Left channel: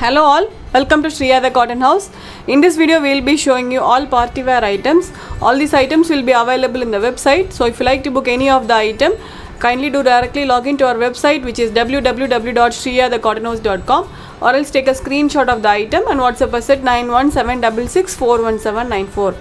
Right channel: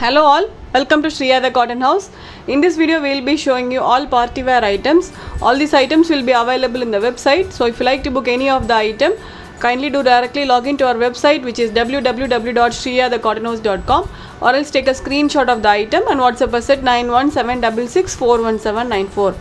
Hello all, welcome to Shriya the Cotton House. In this video we will be showing you all party wear items. All these items will be available in the website. So if you like to book any of the item, kindly do directly log into our website, which is www.shriyathecottonhouse.com, or else take a screenshot of the item and WhatsApp us at 9176641794.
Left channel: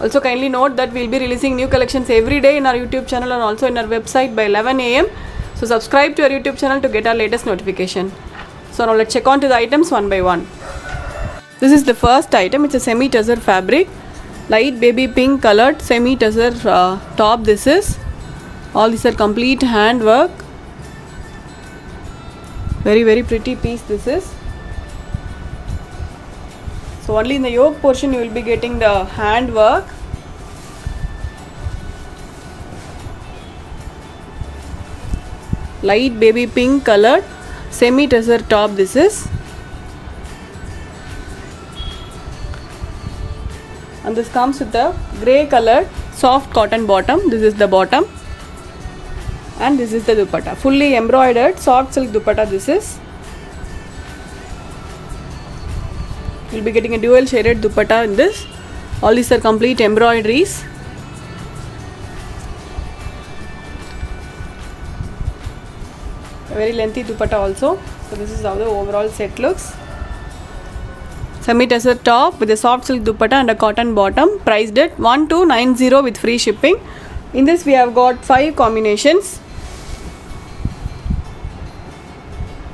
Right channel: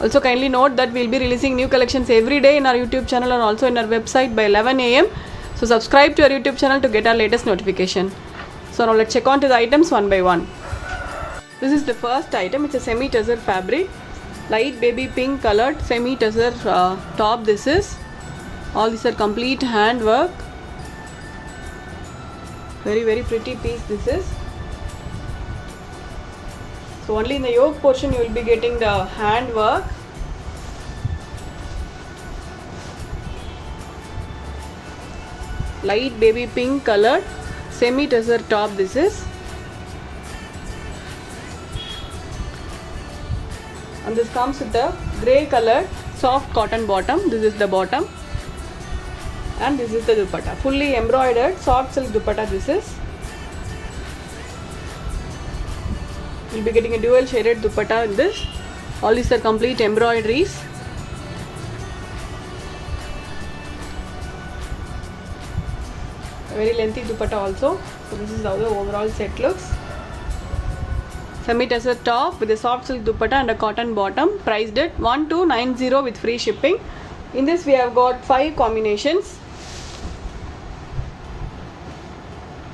Also kindly note that we will be releasing new collections every day in our YouTube channel and also in our website by 11 am. So subscribe to our YouTube channel to get our latest notification. So now let's check on to the items one by one. This is the first item. It's a semi-tussar fabric, light baby pink colored semi-tussar top. This is all these are complete hand work. Very pretty piece this is. So only in the yoke portion you will be getting the hand work. Light baby pink colored semi-tussar top this is, and this comes with the grey colored soft cotton bottom. This is the bottom and this is the dupatta, fully embroidered soft silk dupatta. This is, you will be getting a dual shaded dupatta in this. All these are complete embroideries. A very lengthy dupatta also. So this is how the overall set looks. Semi-tussar top with a soft silk dupatta and a cotton bottom, priced at 1290 with free shipping. In this we have got 5 combinations.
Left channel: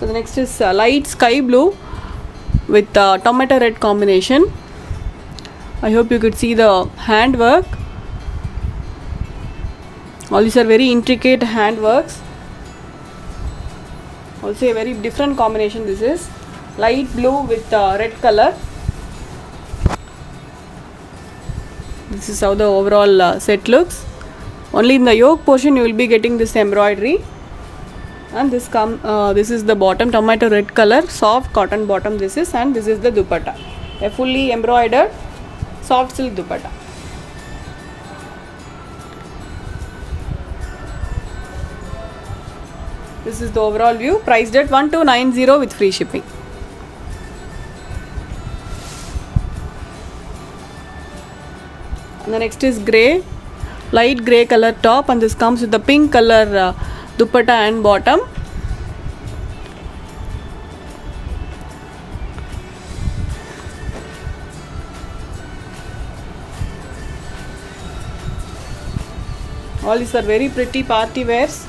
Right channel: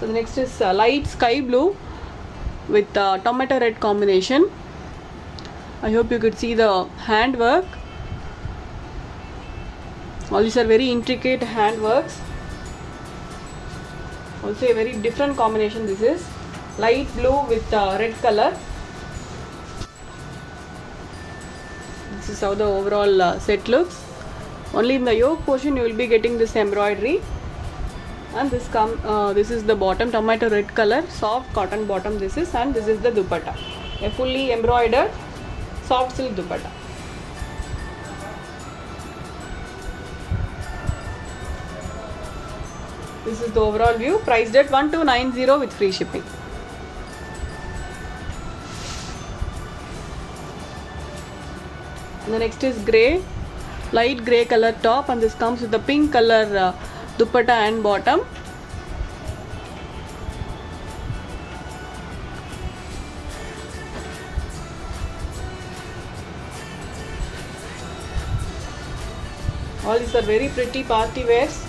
So the next is light sky blue with tomato red combination. I hope you could see the hand work. All these are very intricate hand works. Also a very different combination. This is light blue with red color. This is how the overall set looks. Only in the yoke portion you will be getting this embroidery, and this is the bottom, tomato red color soft cotton bottom this is, and this is the dupatta, a fully embroidered soft silk dupatta. This is the overall view, priced at 1290 with free shipping. And the next is grey, light grey color top, and this comes with the pink color dupatta and bottom. All these are very pretty party wears.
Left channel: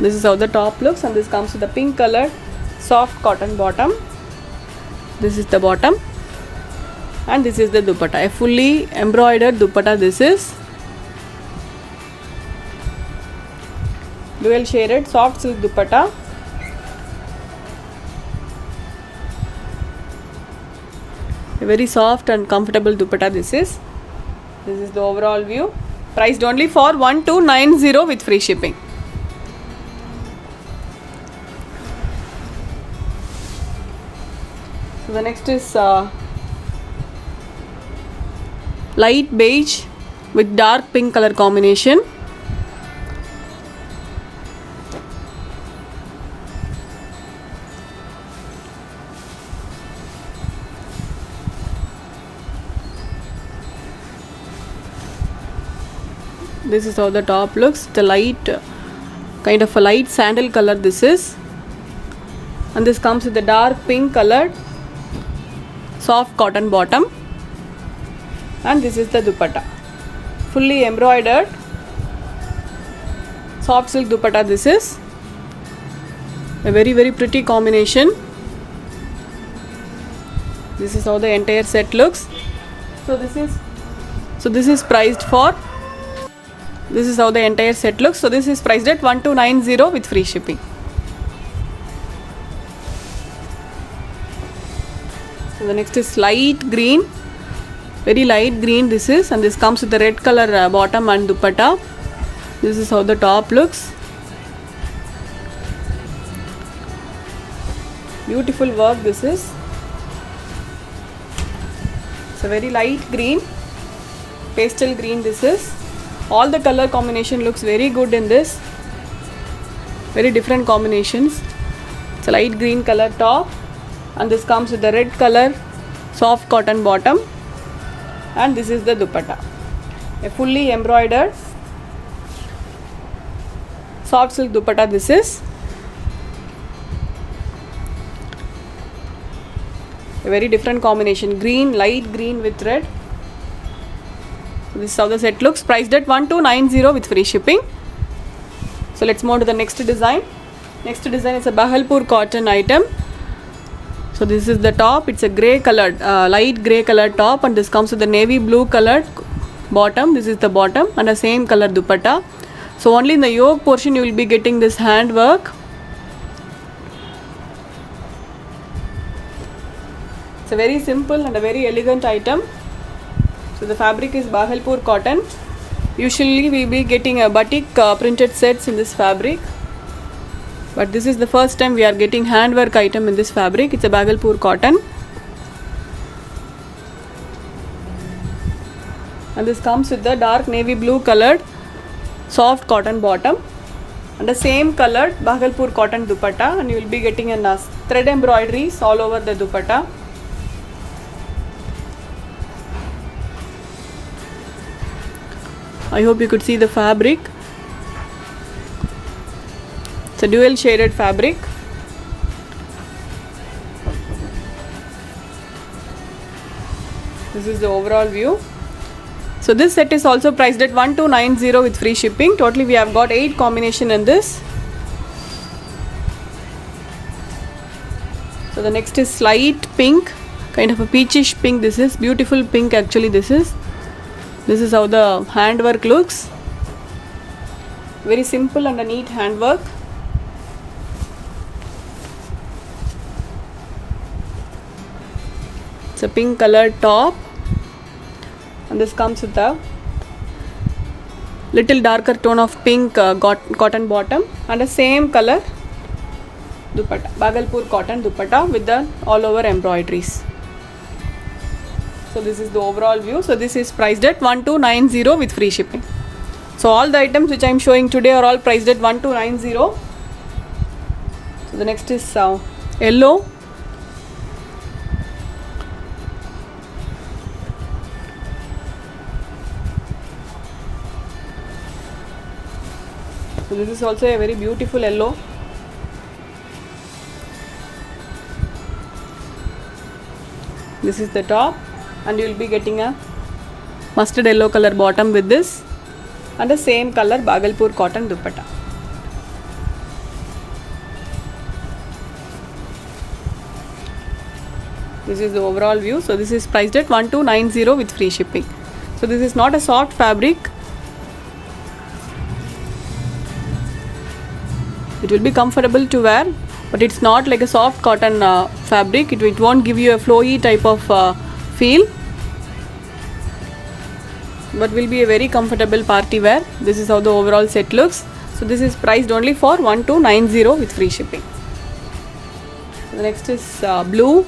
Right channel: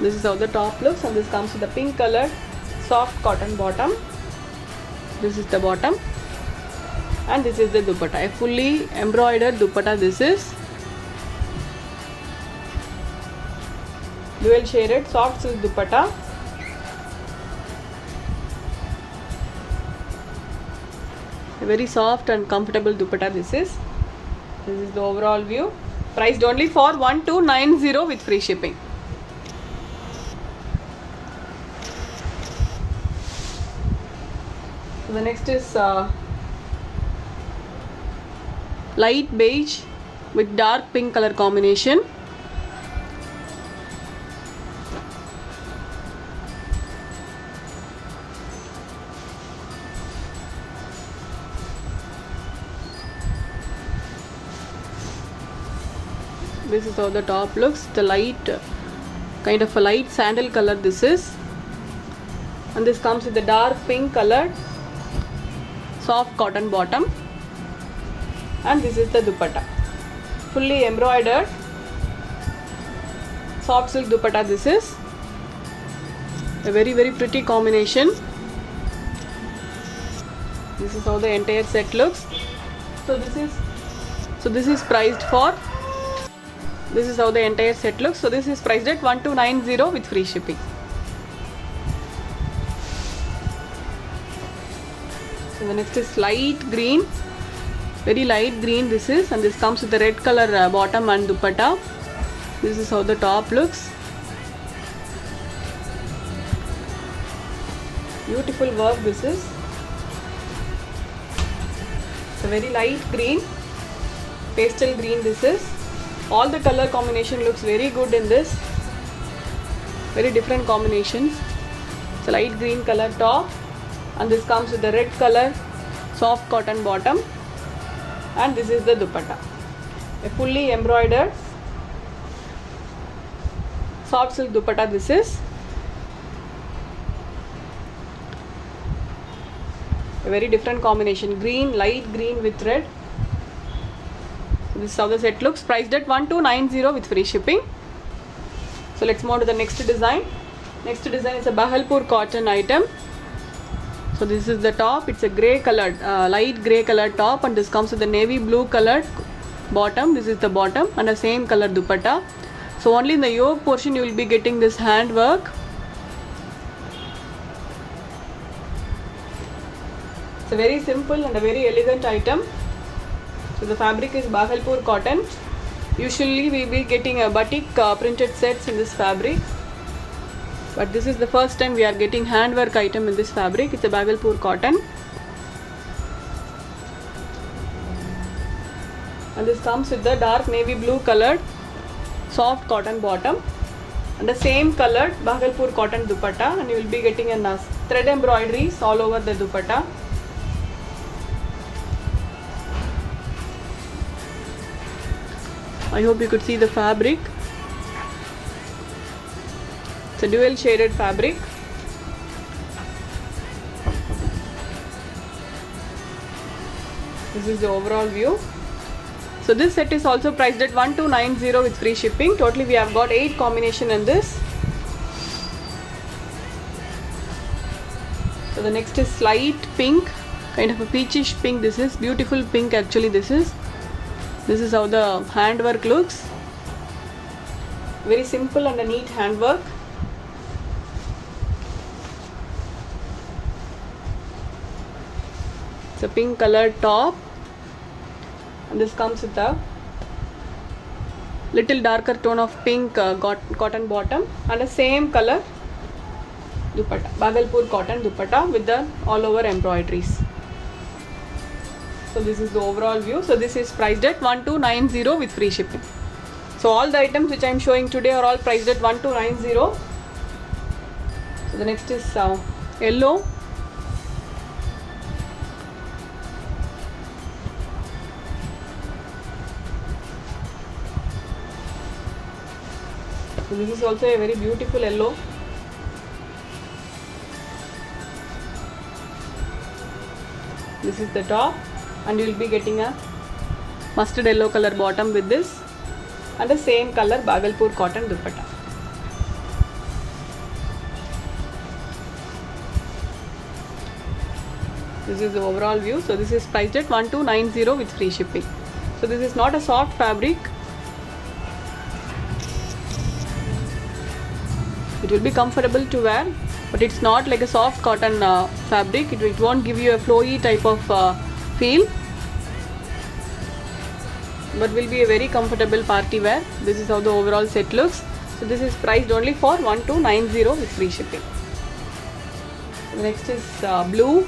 This is how the top looks, and this comes with the pink colored soft cotton bottom. This is the bottom and this is the dupatta, a fully embroidered dupatta. This is dual shaded soft silk dupatta. A very soft and comfortable dupatta this is. This is the overall view, priced only for 1290 with free shipping. So the next is light beige with dark pink color combination. This is how the top looks. The light, kind of a light sandal color this is, and this comes with the dark pink colored soft cotton bottom, and this is the dupatta, fully embroidered soft silk dupatta. This is a very pretty combination. This is how the entire set looks. So this is priced for, this is how the entire set looks. So this is priced at 1290 with free shipping. So the next is light green, very light green this is, and this comes with the red color bottom and dupatta. This is how the top looks. Beautiful work this is. It's a very light green, pastel green this is. All the color combination looks very good in this. Very different combinations. It's a light green color top, and this comes with the red color soft cotton bottom, and this is the dupatta. A fully embroidered soft silk dupatta this is. A very different combination, green, light green with red. This is how the set looks, priced at 1290 with free shipping. So let's move to the next design. Next design is a Bhagalpur cotton item. So this is the top, it's a grey colored, light grey colored top, and this comes with the navy blue colored bottom. This is the bottom and the same color dupatta. So only in the yoke portion you will be getting this hand work. It's a very simple and a very elegant item. So the fabric is Bhagalpur cotton. Usually we will be getting a batik printed sets in this fabric, but this is the first time we are getting handwork item in this fabric. It's a Bhagalpur cotton, and this comes with the dark navy blue colored soft cotton bottom and the same colored Bhagalpur cotton dupatta, and you will be getting a thread embroideries all over the dupatta. I hope you could see the fabric. It's a dual shaded fabric. This is the overall view. So this set is also priced at 1290 with free shipping. Totally we have got 8 combination in this. So the next is light pink, kind of a peachish pink. This is beautiful pink actually. This is how the handwork looks. Very simple and a neat handwork. It's a pink colored top, and this comes with a little darker tone of pink cotton bottom and the same color dupatta, Bhagalpur cotton dupatta with the all over embroideries. So this is the overall view. So this is priced at 1290 with free shipping. So all the items which I am showing today are all priced at 1290. So the next is yellow. So this is also a very beautiful yellow. This is the top, and you will be getting a mustard yellow color bottom with this and the same color Bhagalpur cotton dupatta. This is the overall view. So this is priced at 1290 with free shipping. So this is not a soft fabric. It will be comfortable to wear, but it's not like a soft cotton fabric. It won't give you a flowy type of feel, but will be a very comfortable party wear. This is how the overall set looks. So this is priced only for 1290 with free shipping. The next is blue.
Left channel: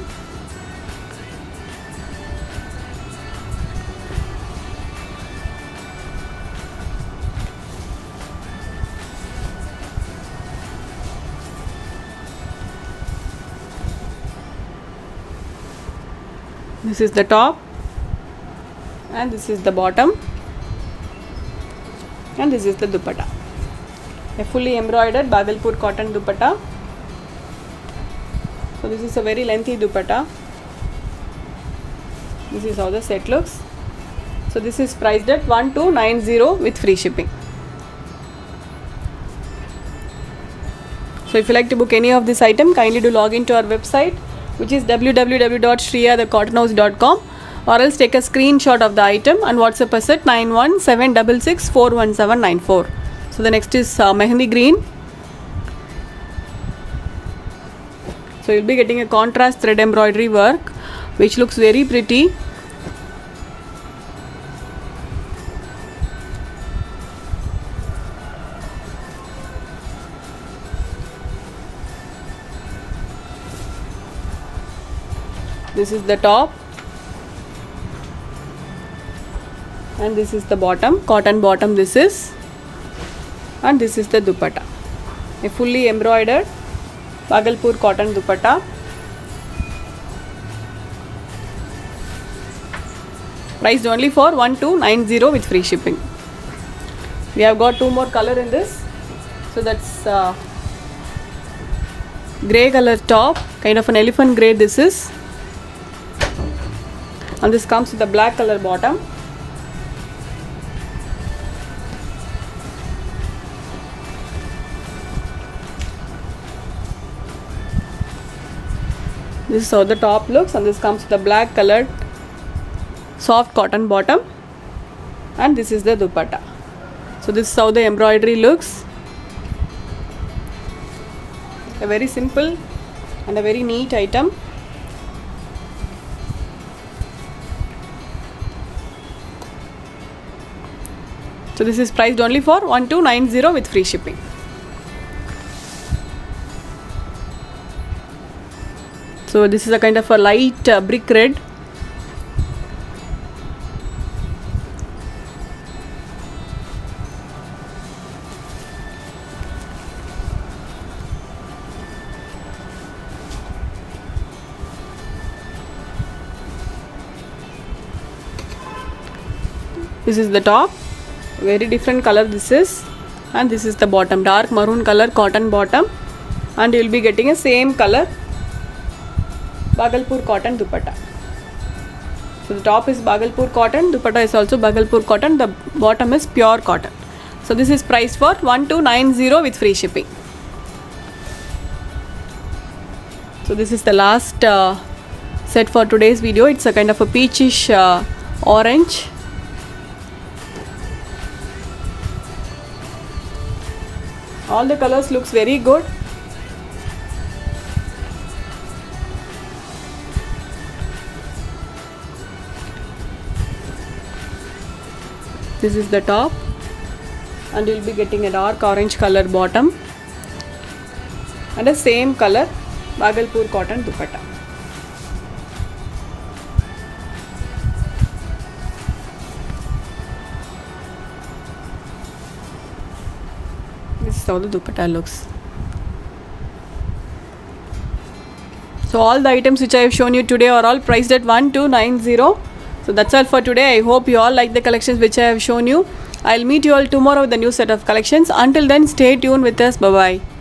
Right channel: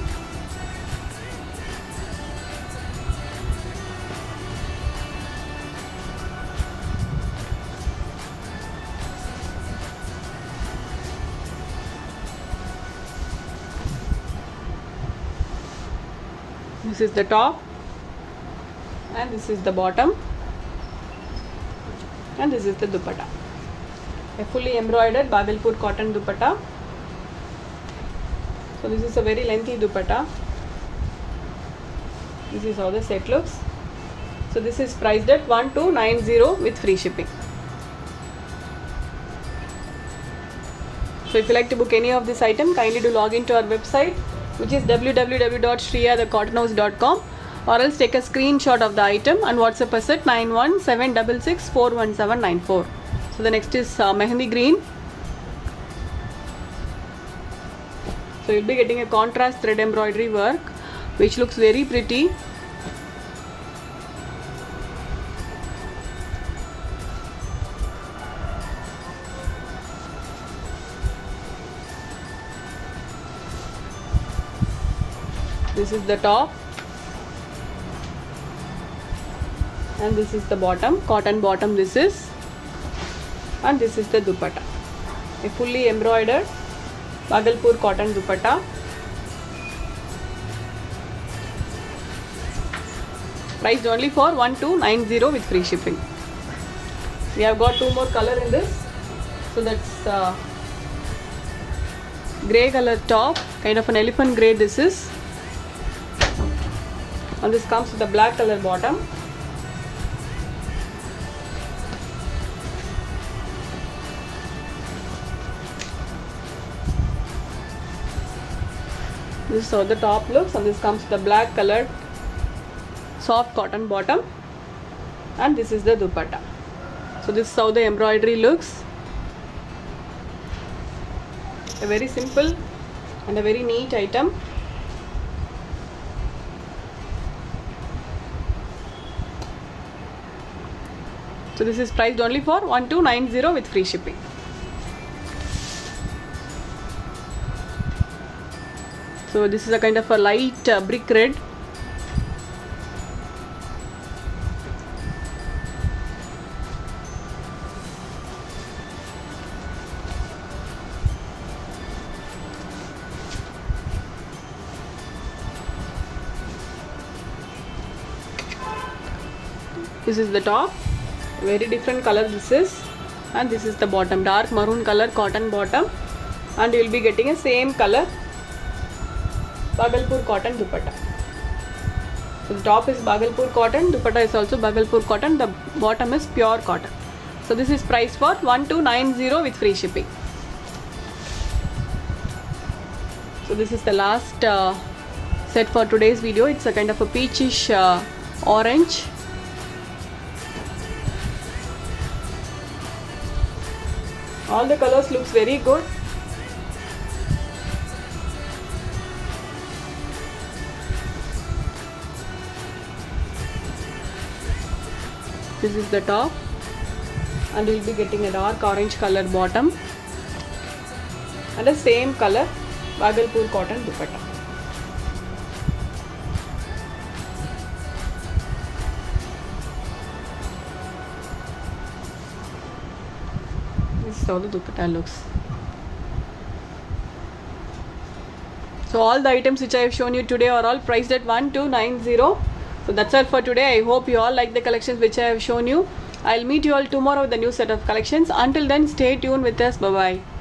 This is the top, and this is the bottom, and this is the dupatta. A fully embroidered Bhagalpur cotton dupatta. So this is a very lengthy dupatta. This is how the set looks. So this is priced at 1290 with free shipping. So if you like to book any of this item, kindly do log into our website, which is www.shriyathecottonhouse.com, or else take a screenshot of the item and WhatsApp us at 9176641794. So the next is Mehendi green. So you'll be getting a contrast thread embroidery work, which looks very pretty. This is the top, and this is the bottom, cotton bottom this is, and this is the dupatta. a fully embroidered Bhagalpur cotton dupatta. Priced only for 1290 with free shipping. We have got two more color in this. So that's grey color top, kind of an elephant grey this is. And this comes with a black color bottom. This is how the top looks, and this comes with a black colored soft cotton bottom, and this is the dupatta. So this is how the embroidery looks. A very simple and a very neat item. So this is priced only for 1290 with free shipping. So this is a kind of a light brick red. This is the top, very different color this is, and this is the bottom, dark maroon color cotton bottom, and you will be getting a same color Bhagalpur cotton dupatta. So the top is Bhagalpur cotton, dupatta is also Bhagalpur cotton, the bottom is pure cotton. So this is priced for 1290 with free shipping. So this is the last set for today's video. It's a kind of a peachish orange. All the colors looks very good. This is the top, and you will be getting a dark orange color bottom and the same color Bhagalpur cotton dupatta. This is how the dupatta looks. So all the items which I have shown you today are all priced at 1290. So that's all for today. I hope you all like the collections which I have shown you. I'll meet you all tomorrow with a new set of collections. Until then, stay tuned with us. Bye bye.